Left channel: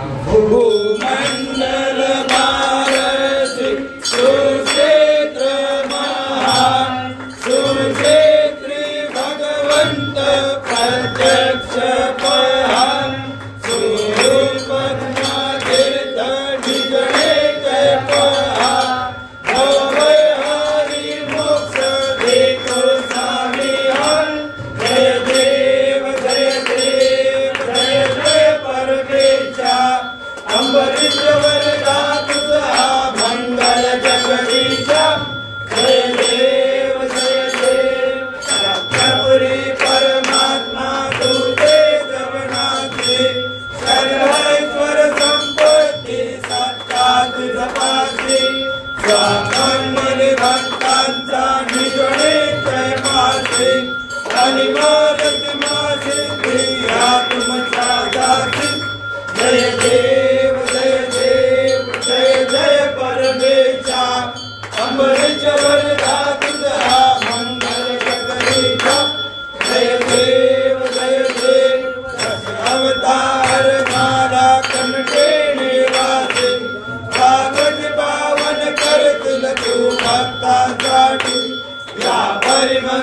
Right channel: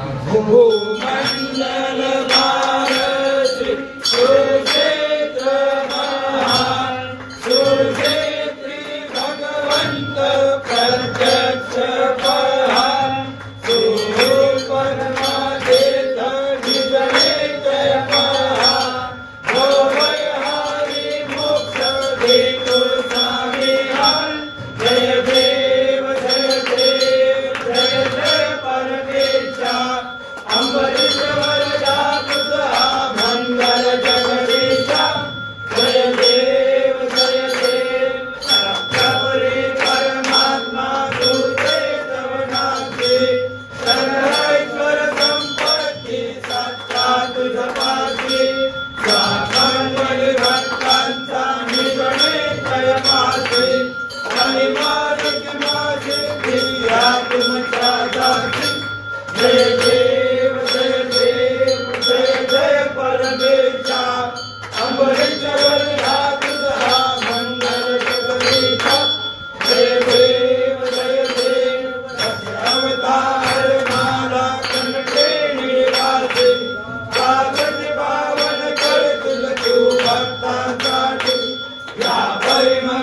भूमंडल भारत सुक्षेत्र महान सुक्षेत्री भगवंत प्रत्यक्ष पहान सुपन्ना देत निगळे जय पहान भवय हरि मोक्ष देतो स्वामी हर जय देव जय देव जय जय परमेशा अम्बरीश वरदा तुझा मंगल जगदीशा जय देव सत्यपुरी परमात्मा तुझे जगन्नाथी सर्वैश्वर संपत्ती सत्ता तुझ पाशी स्वामी भक्तांचा निजळे जय मासी आणि मोदक मासी प्रिया तुमचा दासी जय देव जय जय परमेशा अम्बरीश वरदा तुझा मंगल जगदीशा जय देव दश अवतार माला कंठे निवासी पावन पावन करतील तू भक्तांसाठी या परिमल